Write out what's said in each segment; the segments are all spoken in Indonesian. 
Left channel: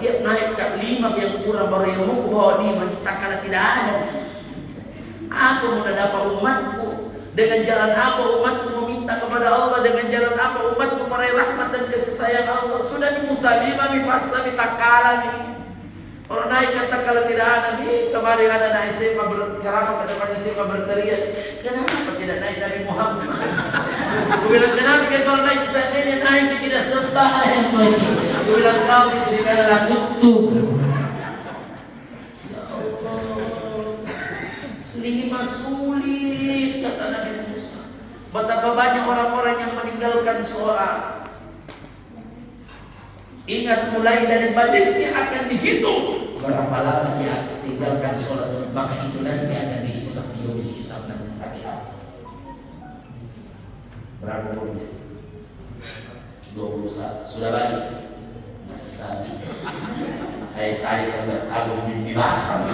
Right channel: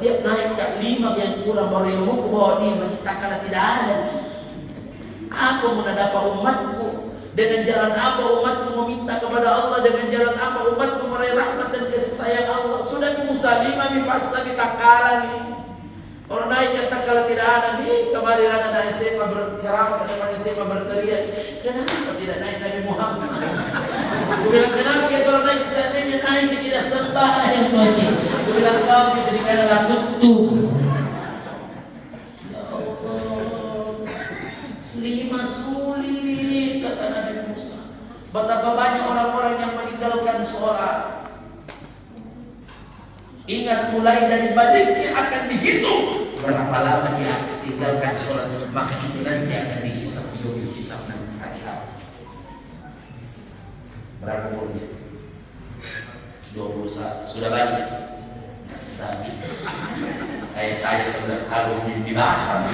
setiap naik ke 5 yang kurang baru yang mau bawa 5 kita karena tidak ada. Apa mau dapat umatku? Dengan jalan apa umatku meminta kepada Allah? Dengan jalan apa umatku meraih rahmat dan kasih sayang Allah? Sudah di Musalimah, di Pasar, di Takala nih. Orang naik kata kalau tidak ada nih, kemarin ada anak SMA berceramah ke depan SMA berteriak, kenapa tidak naik Nabi Muhammad? Aku bilang kenapa ya kalau naik saja naik tidak sembahyang lagi. Aku bilang kau itu dikatakan kutu. Ya Allah, 5 sulit kata Nabi Musa. Betapa banyak orang-orang yang meninggalkan sholat. Ingat mulai dari baliknya akan dihitung berapa lama dia akan tinggalkan sholat, maka itu nanti akan dihisap dihisap nanti. Hati-hati. Berapa umurnya? 21. Sudah balik? Nasabi. Saya 11 tahun mimpi basah.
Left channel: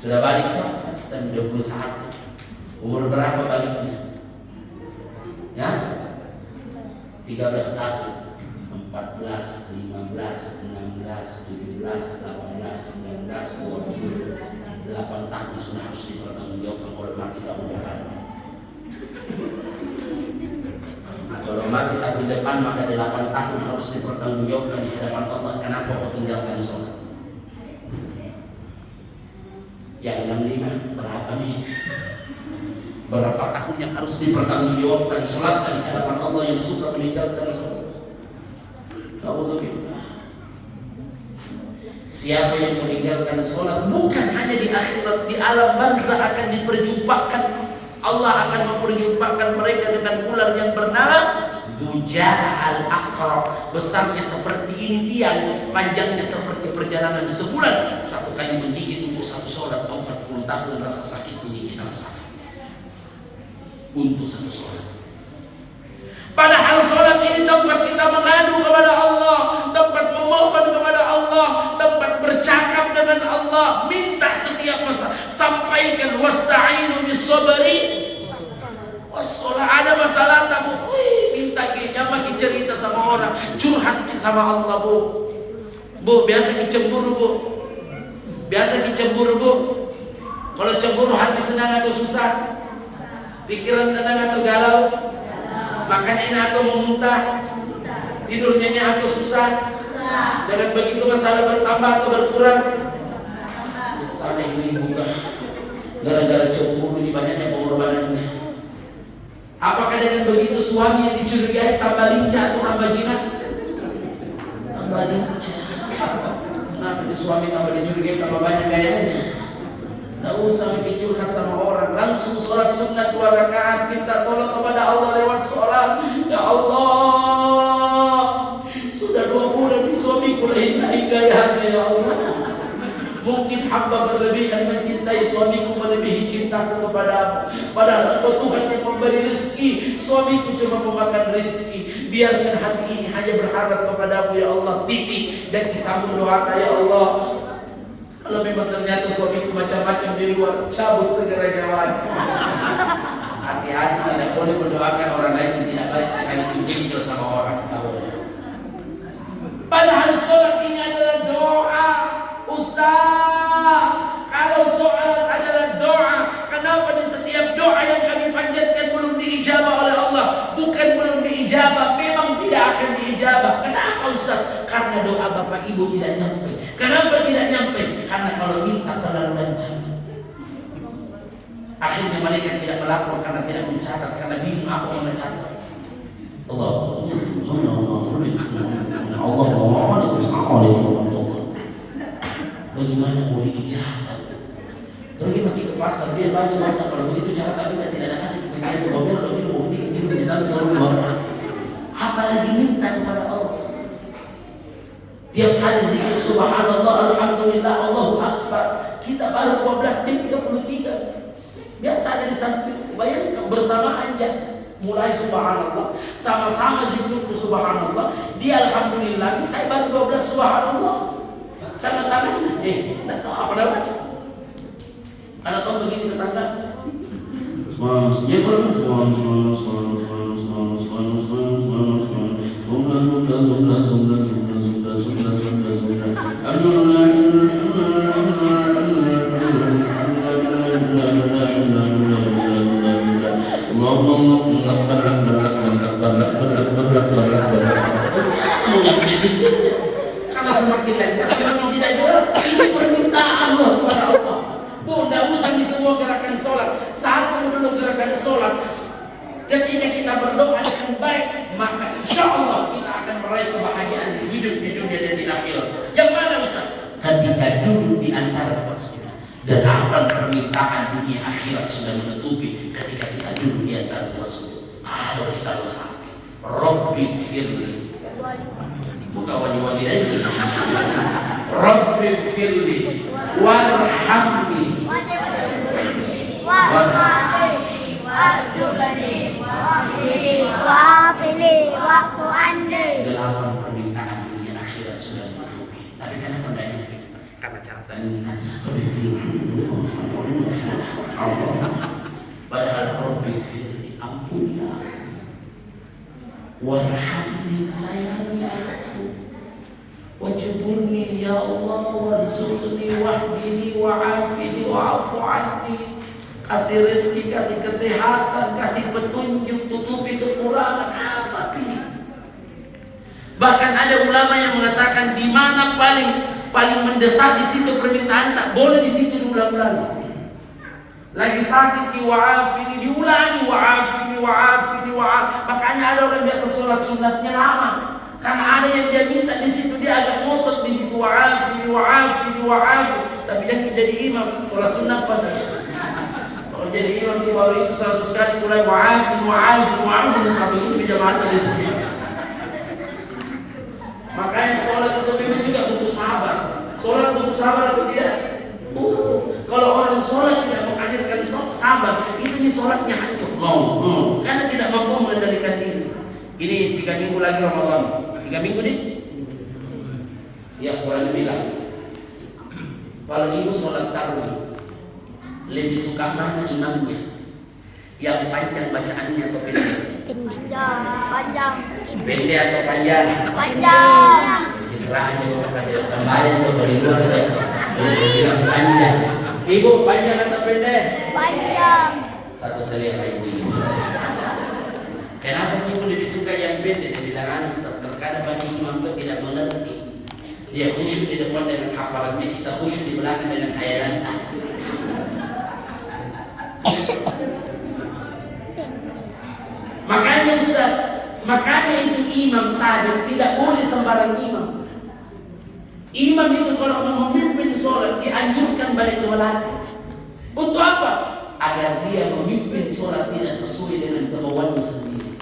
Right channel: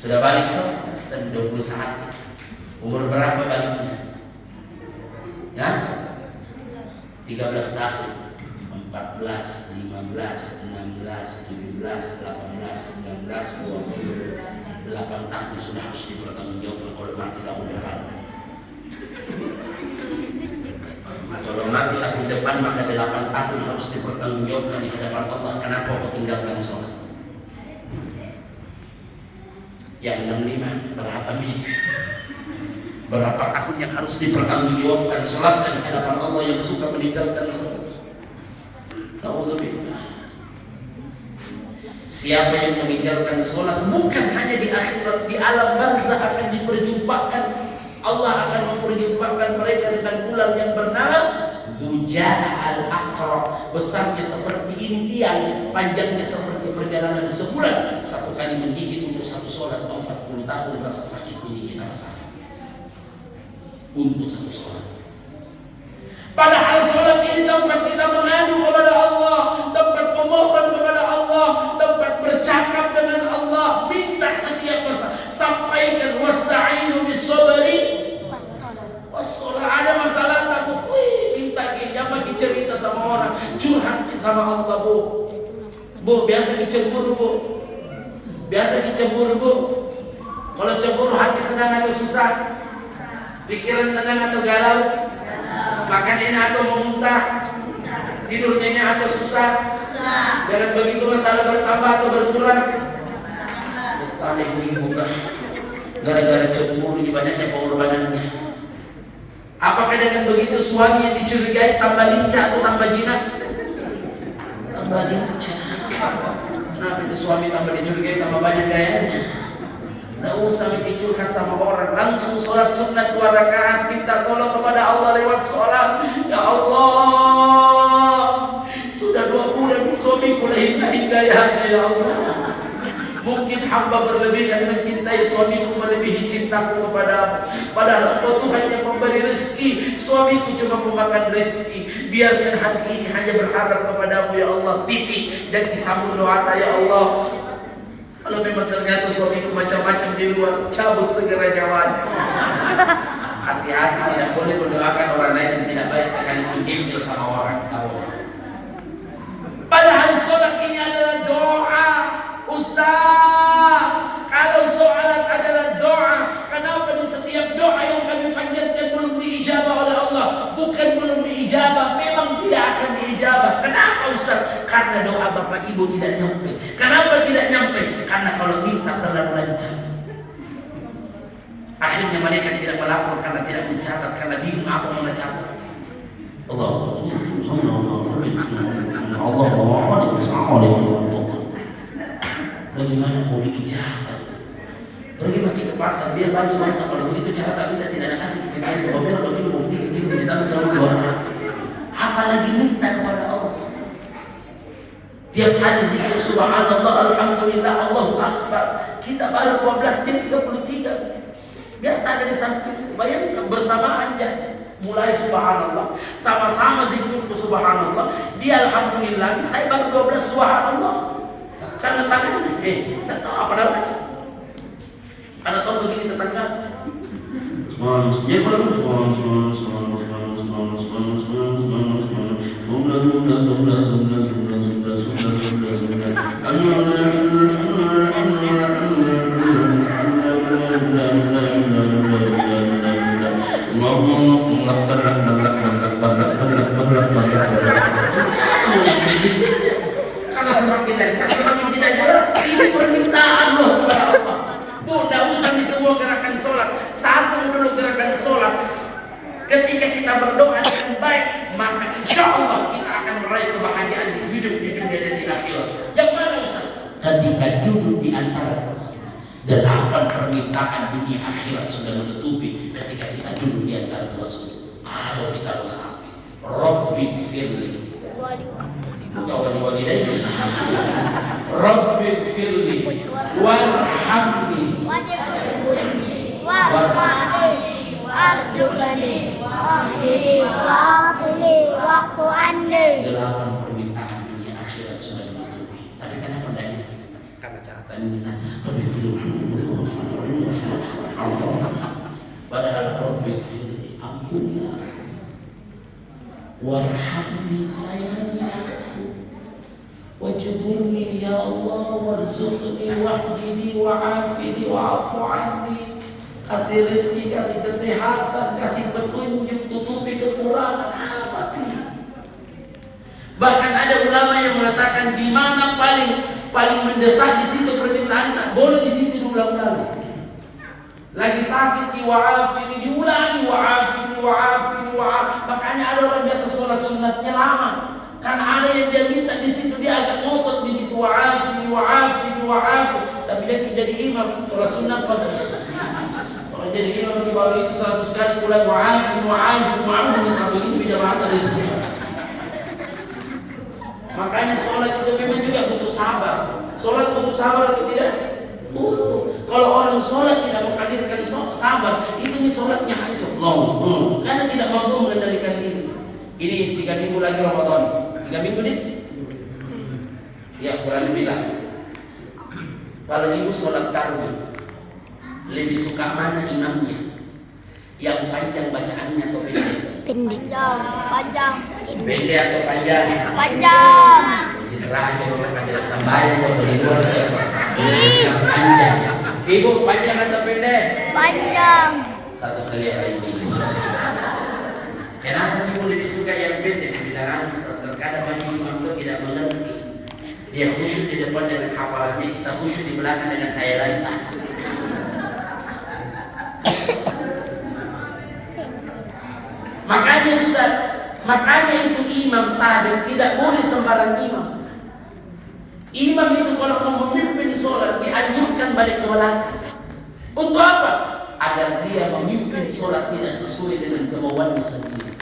Sudah balik kok? Nasabi 21. Umur berapa baliknya? Ya? 13 tahun. 14, 15, 16, 17, 18, 19, 20, 8 tahun sudah harus dipertanggungjawabkan kalau mati tahun depan. Kalau mati tahun depan maka 8 tahun harus dipertanggungjawabkan di hadapan Allah. Kenapa kau tinggalkan sholat? Yang 65 berapa minggu? Berapa tahun yang harus dipertanggungjawabkan sholat di hadapan Allah yang suka meninggalkan sholat? Siapa yang meninggalkan sholat bukan hanya di akhirat, di alam barzah akan diperjumpakan. Allah akan memperjumpakan mereka dengan ular yang bernama Dzujaa al-Aqra. Besarnya seperti ini tiang, panjangnya seperti perjalanan sebulan. Satu kali menggigit untuk satu sholat 40 tahun rasa sakitnya yang kita rasakan untuk satu sholat. Padahal sholat ini tempat kita mengadu kepada Allah, tempat memohon kepada Allah, tempat bercakap dengan Allah, minta setiap masa. Sampaikan wasta'inu bis-sabri was-shalah. Ada masalah tak bu? Minta jangan cerita sama orang, curhat sama Allah bu. Bu biasa cemburu bu, biasa cemburu bu. Kalau cemburu hati senang atau susah? Pikiran tenang atau galau? Makan enak atau memuntah? Tidur nyenyak atau susah? Dengan begitu masalah bertambah atau berkurang? Sesal ibu-ibu kan gara-gara cemburu ini banyaknya pengorbanannya. Apakah dengan begitu suami yang dicurigai tambah lincah atau tambah jinak? Tambah lincah. Kenapa itu suami tambah dicurigai tambah banyak gayanya? Nggak usah curhat sama orang, langsung sholat sunat 2 rakaat, minta tolong kepada Allah lewat sholat. Ya Allah, sudah 2 bulan suamiku lain-lain gayanya ya Allah. Mungkin hamba berlebihan mencintai suamiku melebihi cintaku kepadamu. Padahal Engkau Tuhan yang memberi rezeki, suamiku cuma memakan rezeki. Biarkan hati ini hanya berharap kepadamu ya Allah. Titik dan disambung doa ya Allah. Kalau memang ternyata suamiku macam-macam di luar, cabut segera nyawanya. Hati-hati, tidak boleh mendoakan orang lain yang tidak baik sekalipun diinjil sama orang. Padahal sholat ini adalah doa. Ustaz, kalau sholat adalah doa, kenapa di setiap doa yang kami panjatkan belum diijabah oleh Allah? Bukan belum diijabah, memang tidak akan diijabah. Kenapa Ustaz? Karena doa bapak ibu tidak nyampe. Kenapa tidak nyampe? Karena kalau minta terlalu lancar. Akhirnya malaikat tidak melapor karena tidak mencatat, karena bingung apa mau mencatat. Allah bagaimana mau diijabah? Pergi lagi ke pasar, biar banyak wanita. Kalau begitu cara tak minta tidak ada kasih kepentingan. Coba biar 2 kilo, 3 kilo, minta tolong 2. Apalagi minta kepada Allah. Tiap hari zikir subhanallah, alhamdulillah, Allahu akbar. Kita baru 12 menit 33. Biasa ada di samping. Bayangkan bersamaan aja. Mulai subhanallah, sama-sama zikirku subhanallah. Dia alhamdulillah, saya baru 12 subhanallah. Karena tangannya, tidak tahu apa namanya. Karena tahu begini tetangga. zikirnya. Karena semakin lengkap, semakin tidak jelas. Ini permintaan loh kepada Allah. Bu, tidak usah di semua gerakan sholat. Satu dulu gerakan sholat. Ketika kita berdoa dengan baik, maka insya Allah kita akan meraih kebahagiaan di hidup di dunia dan di akhirat. Yang mana Ustaz? Ketika duduk di antara 8 permintaan dunia akhirat sudah menutupi ketika kita duduk di antara 2 sudut. Kalau kita resapi, Rabbi firli, bukan wali-wali lain. Rabbi firli, warhamni, warzuqni, wa'fu anni. 8 permintaan dunia akhirat sudah menutupi. Tapi kenapa tidak ini? Karena cara minta Rabbi firli, padahal Rabbi firli, ampuni aku, warhamni, sayangi aku, wajburni ya Allah, warzuqni, wahdini, wa'afini, wa'afu anni. Kasih rezeki, kasih kesehatan, kasih petunjuk, tutupi kekurangan apa pilih. Bahkan ada ulama yang mengatakan di mana paling mendesak di situ permintaan, tak boleh di situ diulang-ulang. Lagi sakit wa'afini, diulangi wa'afini, wa'afini, wa'afini. Makanya ada orang biasa sholat sunatnya lama. Karena ada yang dia minta di situ, dia agak ngotot di situ wa'afini, wa'afini, wa'afini. Tapi yang jadi imam sholat sunat pakai. Kalau jadi imam di bawah itu 100 kali mulai wa'afini, wa'afini, wa'afini. Tapi ini beda mata di situ. Makanya sholat itu memang juga butuh sabar. Sholat butuh sabar atau tidak? Kalau orang sholat tidak menghadirkan sabar, itu nih sholatnya hancur. Karena tidak mampu mengendalikan diri. Ini 3 minggu lagi Ramadan. 3 minggu nih? Ya kurang lebih lah. Kalau ibu sholat tarawih, lebih suka mana imamnya? Yang panjang bacaannya atau pendek? Pendek. Panjang. Pendek atau panjang? Panjang. Citra aja bapak kajian sambayang bapak di luar ya. Bilang panjang. Ibu panjang atau pendek? Panjang. Satu selera ibu. Kenapa ibu lebih suka yang pendek? Bilang terkadang banyak imam itu tidak mengerti. Dia khusyuk di depan dengan hafalannya, kita khusyuk di belakang dengan khayalan. Makanya Ustaz, makanya itu imam tadi tidak boleh sembarang imam. Imam itu kalau mau memimpin sholat dianjurkan balik ke belakang. Untuk apa? Agar dia memimpin sholat tidak sesuai dengan kemauannya sendiri.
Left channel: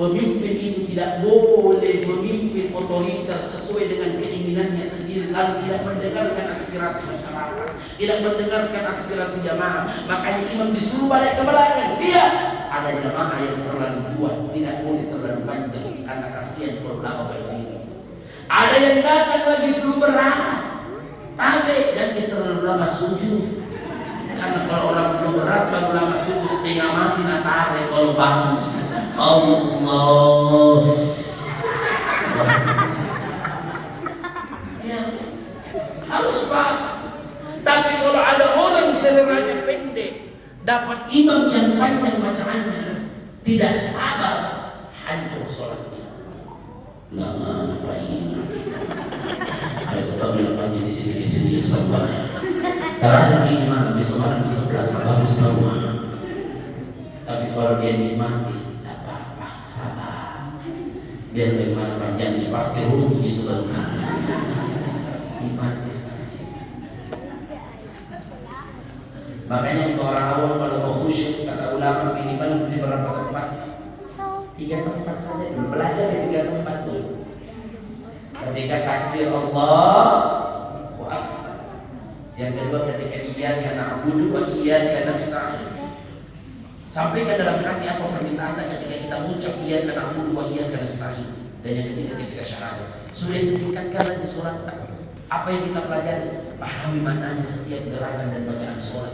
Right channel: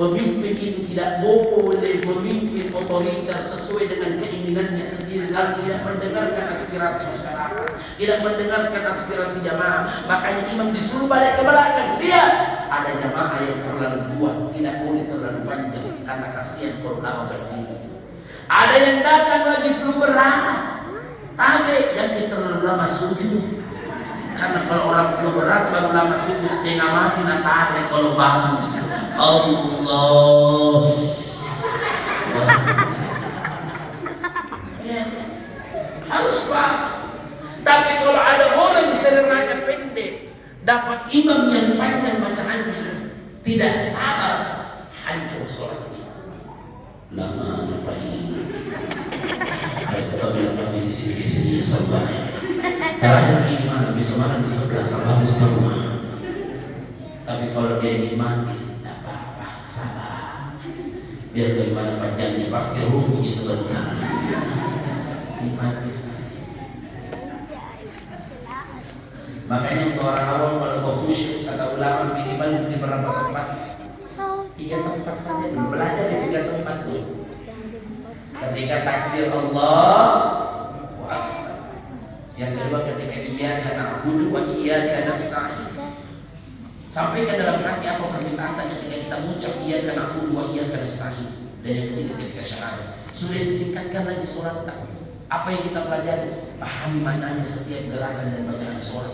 Pemimpin itu tidak boleh memimpin otoriter sesuai dengan keinginannya sendiri, lalu tidak mendengarkan aspirasi masyarakat, tidak mendengarkan aspirasi jamaah. Makanya imam disuruh balik ke belakang. Lihat, ada jamaah yang terlalu tua, tidak boleh terlalu panjang karena kasihan kalau lama berdiri. Ada yang datang lagi flu berat, tabe jangan terlalu lama sujud. Karena kalau orang flu berat baru lama sujud setengah mati natare kalau bangun. Allah. Ya, harus paham. Tapi kalau ada orang seleranya pendek, dapat imam yang panjang bacaannya, tidak sabar, hancur sholatnya. Lama apa ini? Kalau kita bilang panjang di sini sabar. Terakhir ini mana besok malam di sebelah bagus semua. Tapi kalau dia nikmati, sabar. Biar dari mana panjangnya pasti rugi sebentar. Nikmati saja. Makanya untuk orang awam kalau mau khusyuk, kata ulama minimal di beberapa tempat, 3 tempat saja dulu, belajar di 3 tempat dulu. Ketika takbir Allahu Akbar. Yang kedua ketika iyyaka na'budu wa iyyaka nasta'in. Sampaikan dalam hati apa permintaan ketika kita mengucap iyyaka na'budu wa iyyaka nasta'in. Dan yang ketiga ketika syahadat. Sudah ditingkatkan lagi sholat tak? Apa yang kita pelajari? Pahami maknanya setiap gerakan dan bacaan sholat.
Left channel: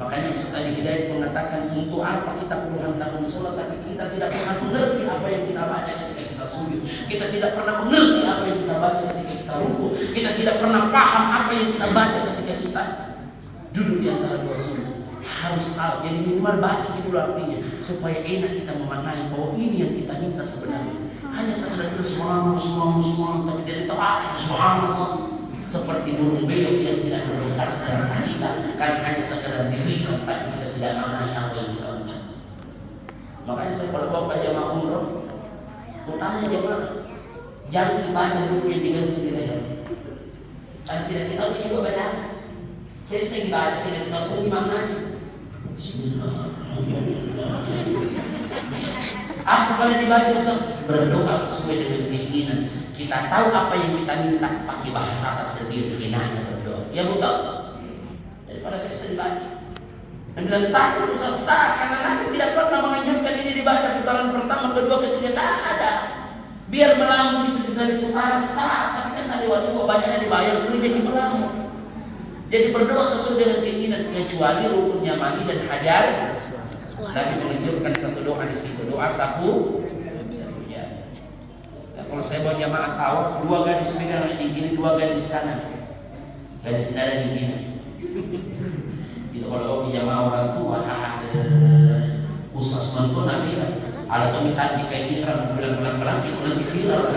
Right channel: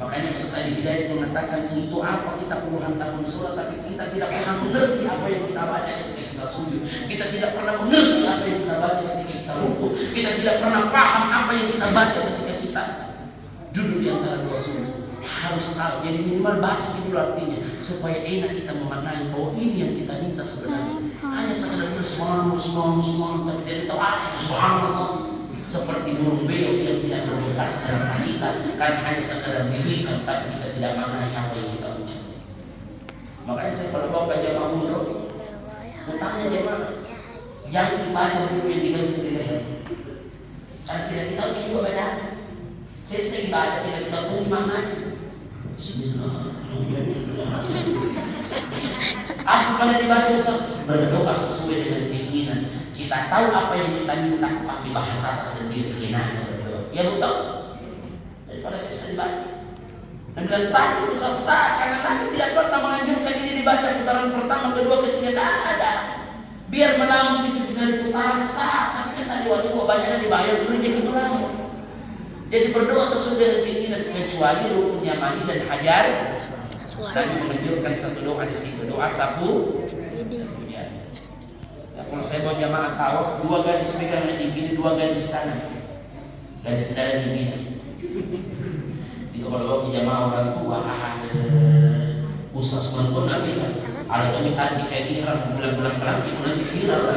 Makanya Ustaz Ali Hidayat mengatakan untuk apa kita puluhan tahun sholat tapi kita tidak pernah mengerti apa yang kita baca ketika kita sujud. Kita tidak pernah mengerti apa yang kita baca ketika kita rukuk. Kita tidak pernah paham apa yang kita baca ketika kita duduk di antara 2 sujud. harus tahu. Jadi minimal baca dulu artinya supaya enak kita memaknai bahwa ini yang kita minta sebenarnya. Hanya sekadar kita subhanallah, tapi dia tahu subhanallah seperti burung beo yang tidak berbekas dalam hati kita, karena hanya sekadar di lisan tapi kita tidak maknai apa yang kita ucap. Makanya saya kalau bawa jamaah umroh, utangnya jamaah jangan dibaca dulu yang diganti di leher, karena tidak kita tahu juga bacaan. Saya sering baca tidak kita tahu gimana aja. Apa kalian dibaca Ustaz? Berdoa sesuai dengan keinginan. Kita tahu apa yang kita minta, pakai bahasa tersendiri, enaknya berdoa. Ya betul. Daripada saya sering baca. Dan bilang sakit Ustaz, karena Nabi tidak pernah menganjurkan ini dibaca putaran pertama, kedua, ketiga, tak ada. Biar melamun itu juga di putaran sah. Tapi kan tadi waktu banyaknya dibayar, rezeki melamun. Jadi berdoa sesuai dengan keinginan, kecuali rukun yamani dan hajar. Nabi menganjurkan satu doa di situ, doa sapu dan punya. Nah, kalau saya bawa jamaah tahu, 2 garis pegang di kiri, 2 garis kanan, garis darah di kiri. Itu kalau bawa jamaah orang tua, Ustaz menonton Nabi lah. Ada pemitaan di kain ihram bulan-bulan itu nanti viral.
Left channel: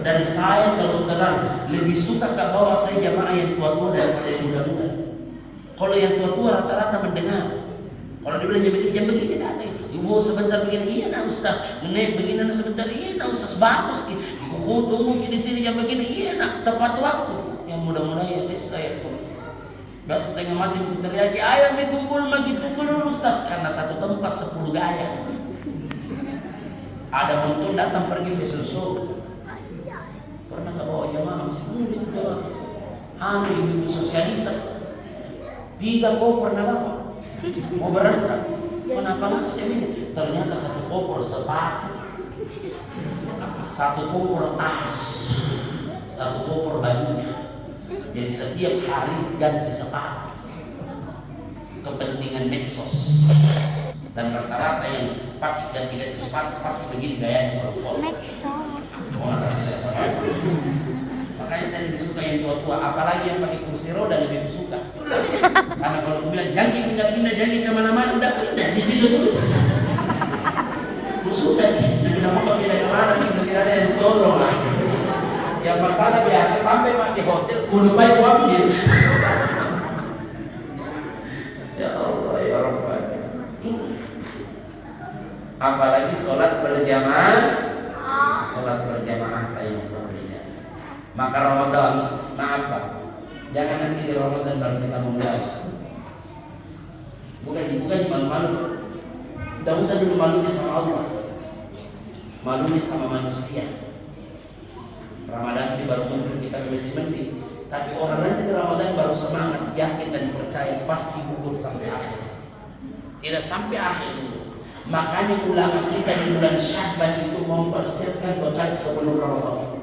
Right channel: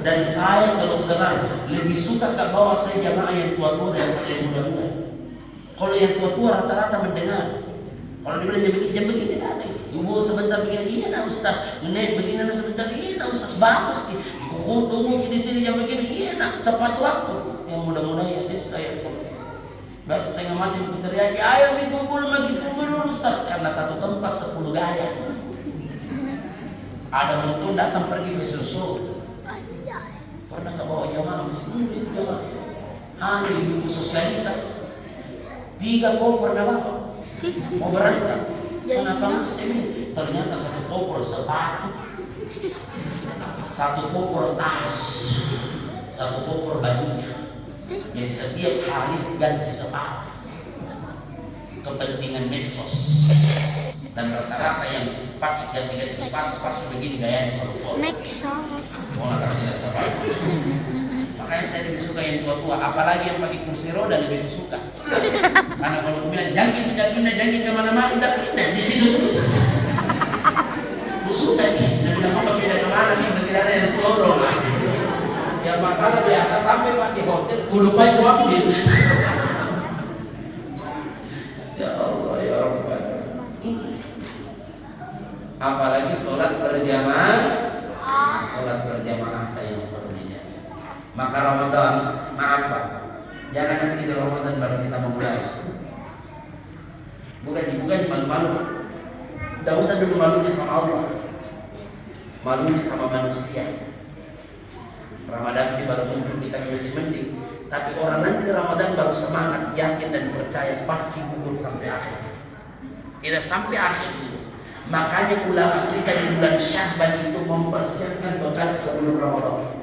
Dari saya terus terang lebih suka ke bawah saya jamaah yang tua-tua daripada yang muda-muda. Kalau yang tua-tua rata-rata mendengar. Kalau dia bilang jam begini dah ada. Ibu sebentar begini, iya nah Ustaz. Nenek begini nah sebentar, iya nah Ustaz, bagus. Tunggu di sini jam begini, iya nah tepat waktu. Yang muda-muda ya saya biasa setengah mati begitu teriaki, ayo kumpul lagi tunggu dulu Ustaz, karena satu tempat 10 gaya. Ada muntun datang pergi Fesusu. Pernah nggak bawa jamaah masih muda jamaah? Hamil ibu sosialita. 3 koper pernah bawa. Mau berangkat. Kenapa nggak sih? Ternyata 1 koper sepatu, 1 koper tas, 1 koper bajunya. Jadi setiap hari ganti sepatu. Kepentingan medsos. Dan rata-rata yang pakai ganti-ganti sepatu pasti begini gayanya kalau foto. Mau nak kasih sepatu. Makanya saya lebih suka yang tua-tua. Apalagi yang pakai kursi roda lebih suka. Karena kalau aku bilang jangan pindah-pindah, jangan kemana-mana, tidak pindah di situ terus. Aku suka nih. Nabi bilang mau pindah kemana nih? Tidak ada yang sorong. Yang masalah biasa sampai di hotel, ku lupa ku ambil. Ya Allah ya Rabbana. Ini. Apalagi sholat berjamaah, yang perlu dijaga. Maka Ramadan, maaf Pak, jangan nanti di Ramadan baru kita memulai. Bukan malu-malu. Tidak usah dulu malunya sama Allah, malunya sama manusia. Ramadan ini baru muncul kita masih mending, tapi orang nanti Ramadan baru semangat, yakin dan percaya pasti gugur sampai akhir. Tidak sampai akhir itu. Makanya ulama kita di bulan Sya'ban itu mempersiapkan bekal sebelum Ramadan.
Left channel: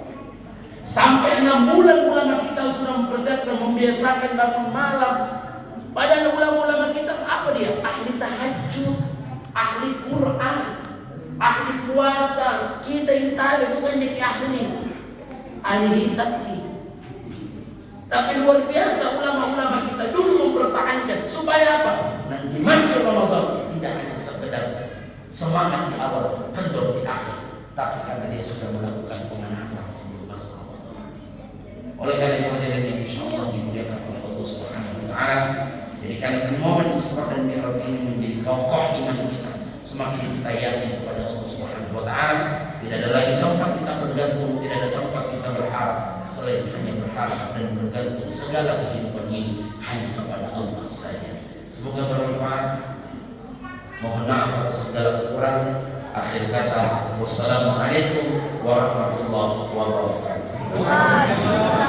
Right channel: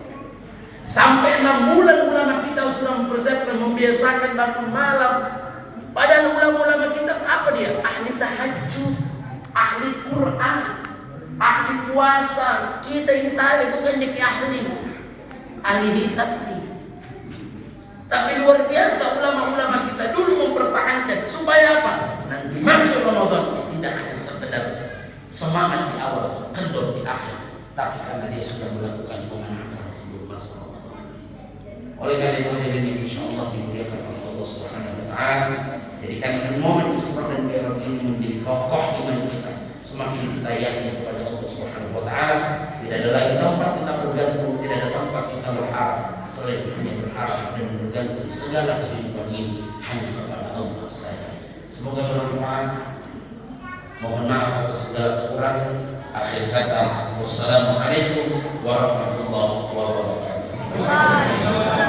Sampai 6 bulan ulama kita sudah mempersiapkan, membiasakan bangun malam. Padahal ulama-ulama kita apa dia? Ahli tahajud, ahli Quran, ahli puasa. Kita ini tali bukan jadi ahli hisab. Tapi luar biasa ulama-ulama kita dulu mempertahankan supaya apa? Nanti masuk Ramadan tidak hanya sekedar semangat di awal, kendor di akhir, tapi karena dia sudah melakukan pemanasan sebelum masuk Ramadan. Oleh karena itu jadi insyaallah dimuliakan oleh Allah Subhanahu wa taala. Jadikan momen Isra dan Mi'raj ini menjadi kokoh iman kita. Semakin kita yakin kepada Allah Subhanahu wa taala, tidak ada lagi tempat kita bergantung, tidak ada tempat kita berharap selain hanya berharap dan bergantung segala kehidupan ini hanya kepada Allah saja. Semoga bermanfaat. Mohon maaf atas segala kekurangan. Akhir kata, wassalamualaikum warahmatullahi wabarakatuh.